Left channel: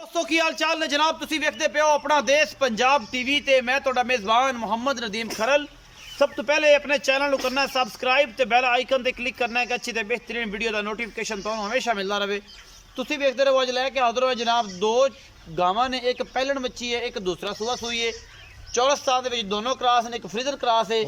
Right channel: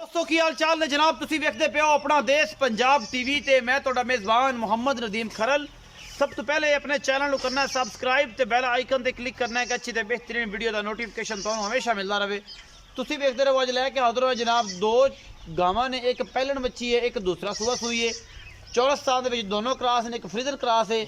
दोस्तों की हाल चाल ने जनाब तुसी वेखदे पे हो अपना देश पंजाब टीवी ते मैं तुहाडा मेज़बान मोहम्मद नदीम खरल। सब तो पहले अपने चैनल को करना है सबसक्राइब ते बेल आइकन ते क्लिक करना है कि अच्छी ते बेहतरीन वीडियो का नोटिफिकेशन तुहानू हमेशा मिलता रहे। तुसी वेखदे रहो। अज लैके हाजिर हो जनाब दो गावां ने, एक पहलन बच्ची है, एक दूसरा सूआ सूई है। चौलस्तान दे दोनों क्रॉस ने, एक फ्रीजन क्रॉस है,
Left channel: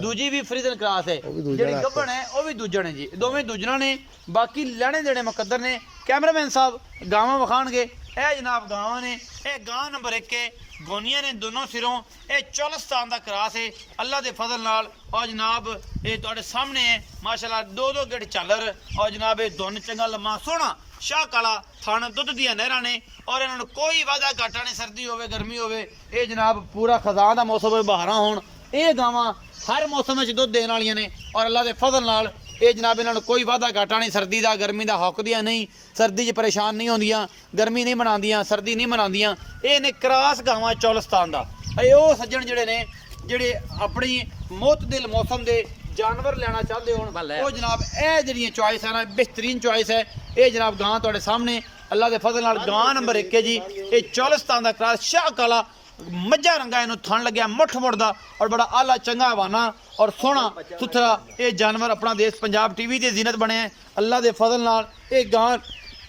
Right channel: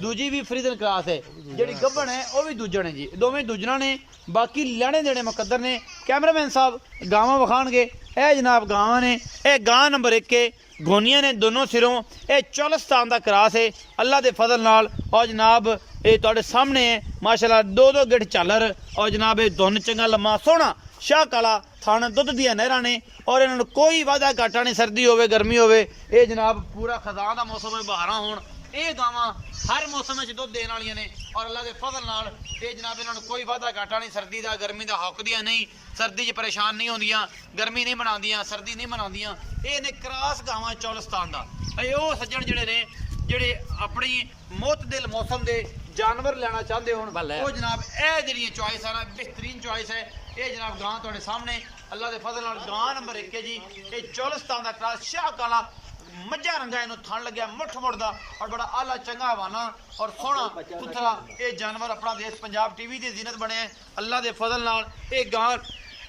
दूजी भी फ्रीजन क्रॉस है। जी गब्बन है वह भी दूजन है जी, दोवें दूजना ने। बाकी लैने देने मुकद्दर ने। कैमरामैन साहब गावां विखाणगे। ए जनाब गावां ने, ए गां नंबर 1 है, गोनियां ने दोनों सिरों। ये चौलस्तान का क्रॉस है अल्लाह के फजल नाल। और जनाब ये तुहाडे सामने है माशाल्लाह दो दो गिट झालर। और जनाब ये धुन चंगा लम्मा सोहना शाह काला थाना दुध दियां नहरां ने। और इन्होंने कोई वादा घाटा नहीं, सर्दी होवे गर्मी होवे, ये जनाब पूरा खजान का मौसम होवे, बहारां होण, ये गावां हर मौसम में दुध देने वालियां ने। और अल्लाह के फजल नाल ये जनाब इन्होंने कोई वादा घाटा नहीं, सर्दी का गर्मी का हौकदियां नहीं, सर्दी च परेशान नहीं होंदियां, गर्मी नहीं मनांदियां, सर्दी नहीं मनांदियां। ये ने क्रॉस गावां चौलस्तान का। ये वो सज्जन जिहड़े ने जिहड़े अपनी मुतदिल मौसम के जानवर लेना चाहते हो वो जनाब ए जी चॉइस है ना, बेहतरीन चॉइस है। ये जनाब गां तुहाडे सामने अल्लाह के फजल नाल गां नंबर 1 है जी। ये चौलस्तान का क्रॉस शाह काला मज्जा रंगा इनू थन लग्या मुठ मुड़दा और बड़ा आला चंगा हवाना और सोहना सुथरा ये जानवर अपना देश पंजाब टीवी की जीनत बने हैं अल्लाह के फजल नाल। ये गां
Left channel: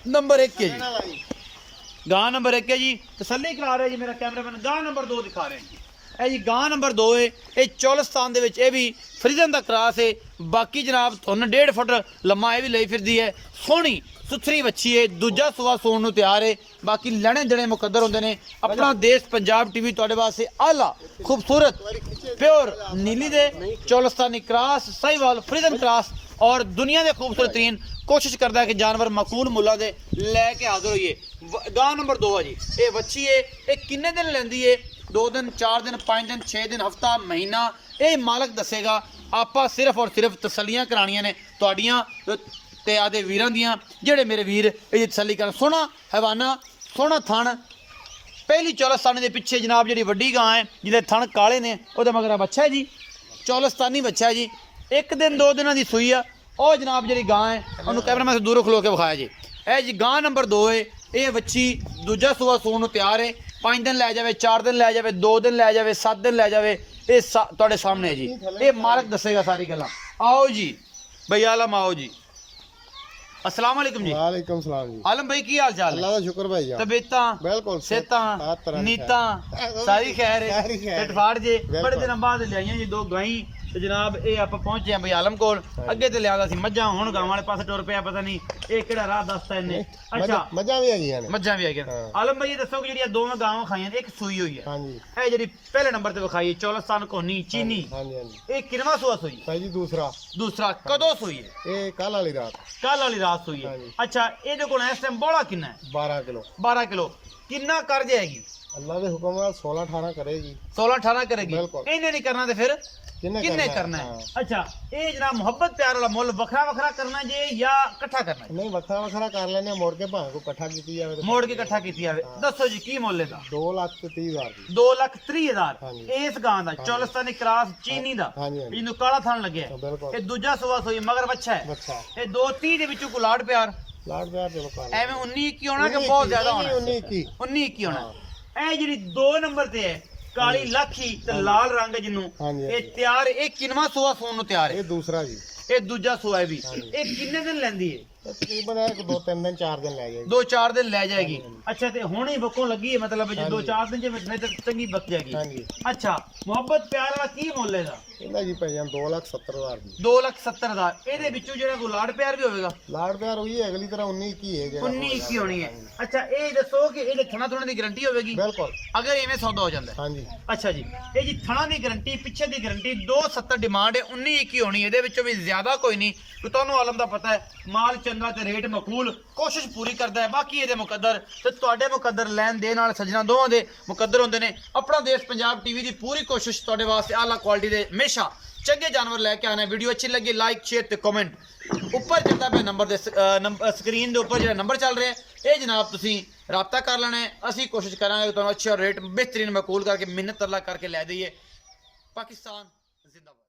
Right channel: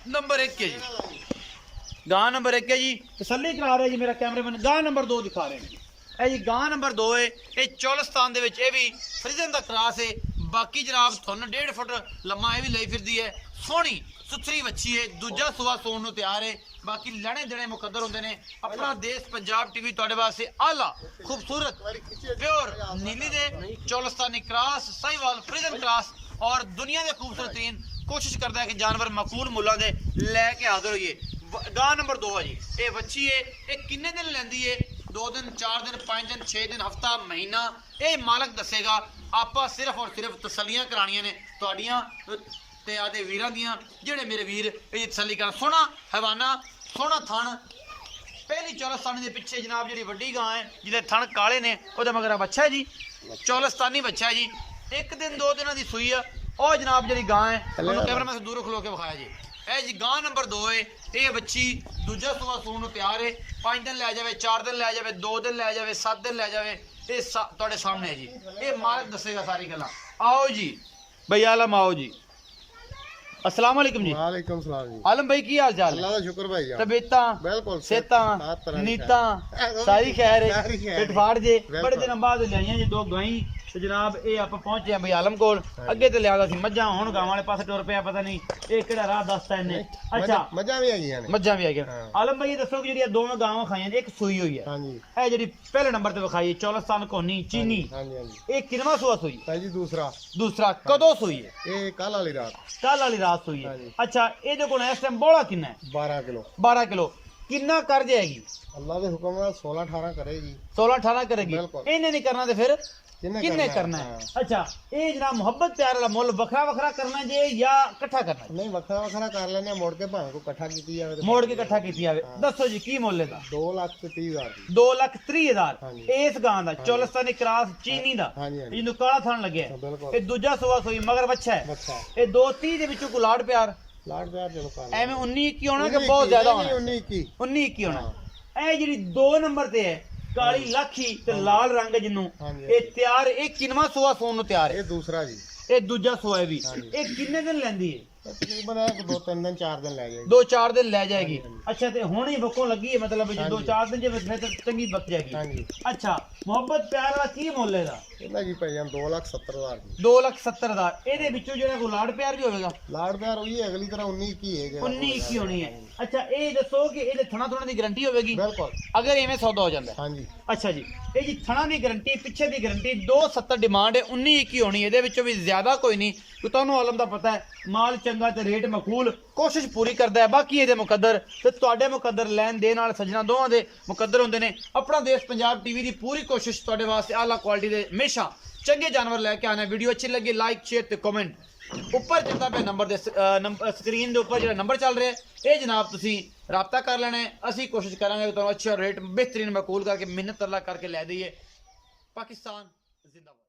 नंबर 1 है जी, गां नंबर 1 है जी। तसल्ली करा रहे जी मेरा कैमरामैन। गां नंबर 2 दिखा रहे हैं जी। ਇਹ जी गां नंबर 2 है। ये चौलस्तान दे विच ये भी फ्रीजन का क्रॉस है। बाकी जनाब तुहानू 1.5 फुट लम्मा ये भी लई फिरदी है, सोहनी सुथरी बच्ची है, दूजा सुआ सोन नू तैयार है। बाकी लैने देने मुकद्दर होंदे ने। अपना देश पंजाब टीवी तुहाडे वास्ते आला खूबसूरत प्योर नीली दे चौलस्तानी क्रॉस साहिवाल फ्रीजन क्रॉस और दुनिया के खूबसूरत तरीन कोशिश करता है कि जानवर मकूल मुल्ला दे लैके हाजिर होइए। गां नंबर 2 है जी। ये बच्ची है, ये किन्ने दिन लैंदी है? 2 दिन, 4 दिन, 5 दिन, 6 दिन, हफ्ता, महीना, ये मालक दसेगा। आपा सिर्फ और सिर्फ तसलियां करानियां ने तुहाडियां ते आदे वीरां दियां, जेड़े मेरे वीर ये तसली करन। सोहना हवाना, सोहना थन। पहली चौलस्तानी के पिछे जनाब जी वड्डी गां है जिहदे थन काले ने, उहदे मगर बच्चा है जी, चौलस्तानी बच्चा है जी। 1 दिन 2 दिनों की सूई है। और जनाब जी गां है उन्होंने कैमरा मैं दूरों खलो के विखाया जी। ए जी गां नंबर 2 है। ये बच्ची दूजा सुआ सून तैयार है। 5 दिन लै जाए, 4 दिन लै जाए, 2 दिन लै जाए, 7 दिन लै जाए, ये तुहाडे सामने है जी। ये मालक दसेगा सारी गल्लां। आओ जी भाई आलम, आओ जी। अस्सलाम वालेकुम जी। वालेकुम सलाम जी। आलम भाई की हाल चाल? अल्लाह का शुक्र भाई जान। तबीयतां बिल्कुल सेहतां नीतां सारी खैर है। इतफाड़ जे बड़े दिन बाद लियाइयां जी 2 गाईं ते जनाब ये आप पहुंचे हैं भाई आलम कोल। अगे तो लिया सी मज्जां, हुण गावां वाले पासे टुर पिया, पता नहीं ये किहड़ा राह दसता इन्ने। अच्छा मजा भी आई है, मज्जां भी आ गया। आलम भाई दसो कि जेहड़ी दोवें गावां खाइयां एक सूई हुई है। हां जी। ए जेहड़ी पहले नंबर ते विखाई चौलस्तान कोनी चीनी, हां जी हां जी। ये किनवा सूआ सूई? भाई जी दूसरा कदों सूई है? ये कल वाली रात, कल वाली रात सूई है। अच्छा ਇਹਦੇ ਕੋਲ ਇਸ ਟਾਈਮ ਬੋਲਾ ਕਿੰਨਾ ਹੈ? 12 किलो। 12 किलो। किन्ना कर जाएगी? अल्लाह के हुक्म नाल 16 18 करेगी। 16 18 करेगी। बिल्कुल। इन्हें नहीं करना तो फिर किन्ने करना है? हाँ। अच्छा ये जनाब मोहब्बत प्यार वाला मुल वखरा वखरा करना जे या इकट्ठा करना है? नहीं वखरा वखरा कर लेने, मोड़ के भावे को इकट्ठा कीती जावे तो मोड़ के इकट्ठा कीती जावे। दसो जी की मुल लेगा? 2,30,000 की। 2,30,000 हाँ जी। इस गां दा चौलस्तानी क्रॉस चीनी दा। हाँ जी हाँ जी। जिन्नू काला थान लगे है। बिल्कुल। ये दूजा सुआ सोई मगर बच्चा है। अच्छा ये 2-30 दे विचों को लाड प्यार लाड प्यार चलो कर एवें 19-21 होना कि बहुत ज्यादा होना? 19-21 होना। ए जी 2 नंबर ते है काली लाखी ते लाल रंग जिन्नू हाँ जी। ये तैयार, ये किनवा सुआ सोन नु तैयार है? ये दूसरा जी। ये दूजा सुआ है भी। हाँ जी। ये किन्ने दिन लेंदी है? तकरीबन 2-3 दिन 4 दिन ले जाएगी। 2-4 दिन ले जाएगी। हाँ जी। अच्छा ते हुण ही बक्कों लगी है, मतलब हाँ जी। 2-4 दिन जे में तो चंगी बक जाएगी। हाँ जी। अच्छा मोहब्बत प्यार वाला की मुੱਲ ਇਹਦਾ? ਇਹਦਾ ਜੀ ਭਾਈ ਜਾਨ 2,70,000 ਦੀ। 2,70,000 ਇਹਦੇ ਵਿੱਚੋਂ ਜਿਹੜਾ ਕੋਈ ਲਾੜ ਪਿਆਰ ਵੀ ਹੋਵੇਗਾ? ਲਾੜ ਪਿਆਰ ਹੋਈ ਹੈ ਅਗਲੀ ਤਰ੍ਹਾਂ 19-21 ਹੈ ਜਿਹੜਾ 19-21 ਹੋਣੀ ਹੈ। ਅੱਛਾ ਇਹ ਦੱਸੋ ਕਿ ਇਹਦੇ ਥਣਾ ਥੁਣਾ ਦੀ ਗਾਰੰਟੀ ਹੋਵੇਗੀ ਬਿਲਕੁਲ। ਅਗਰ ਐਵੇਂ ਸੌਦਾ ਹੋ ਜਾਂਦਾ? हाँ जी। ਅੱਛਾ ਜੀ ਇਹ ਜੀ ਥਣਾ ਦੀ ਗਾਰੰਟੀ, ਪਿੱਛੇ ਦੀ ਗਾਰੰਟੀ, 270 ਡਿਮਾਂਡ ਹੈ, 19-21 ਹੋਣੀ ਇਹਦੇ ਵਿੱਚੋਂ ਵੀ ਜ਼ਿਆਦਾ ਕੋਈ ਨਹੀਂ। ਤੁਹਾਨੂੰ ਆਲਮ ਦਾ ਪਤਾ ਹੈ ਮਾਲ ਚੰਗਾ ਤੇ ਰੇਟ ਮਕਬੂਲ, ਕੋਸ਼ਿਸ਼ ਪੂਰੀ ਕਰਦਾ ਹੈ। ਬਾਕੀ ਇਹਦੇ ਮੁਕੱਦਰ ਤੇ ਤੁਹਾਡੇ ਮੁਕੱਦਰ ਲੈਣ ਦੇ ਨਾਲ ਸੱਜਣਾ ਦੋਵਾਂ ਦੇ ਮੁਕੱਦਰ ਹੁੰਦੇ ਨੇ। ਆਪਣਾ ਦੇਸ਼ ਪੰਜਾਬ ਟੀਵੀ ਦੀ पूरी कोशिश ਤੁਹਾਡੇ ਵਾਸਤੇ आला क्वालिटी ਦੇ हमेशा चंगे जानवर लैके आना। वीडियो अच्छी लगी लाइक शेयर ते कमेंट उपर चलता पे नंबर दे स्क्रीन के उपर जो नंबर चल रहा है ये जनाब तुसी रबता कर लेना है। असी कोशिश करांगे कि तुहानू अच्छा रेट बेहतरीन मकबूल करके मिन्नत तरला करके लै दईए। पाकिस्तान जिंदाबाद।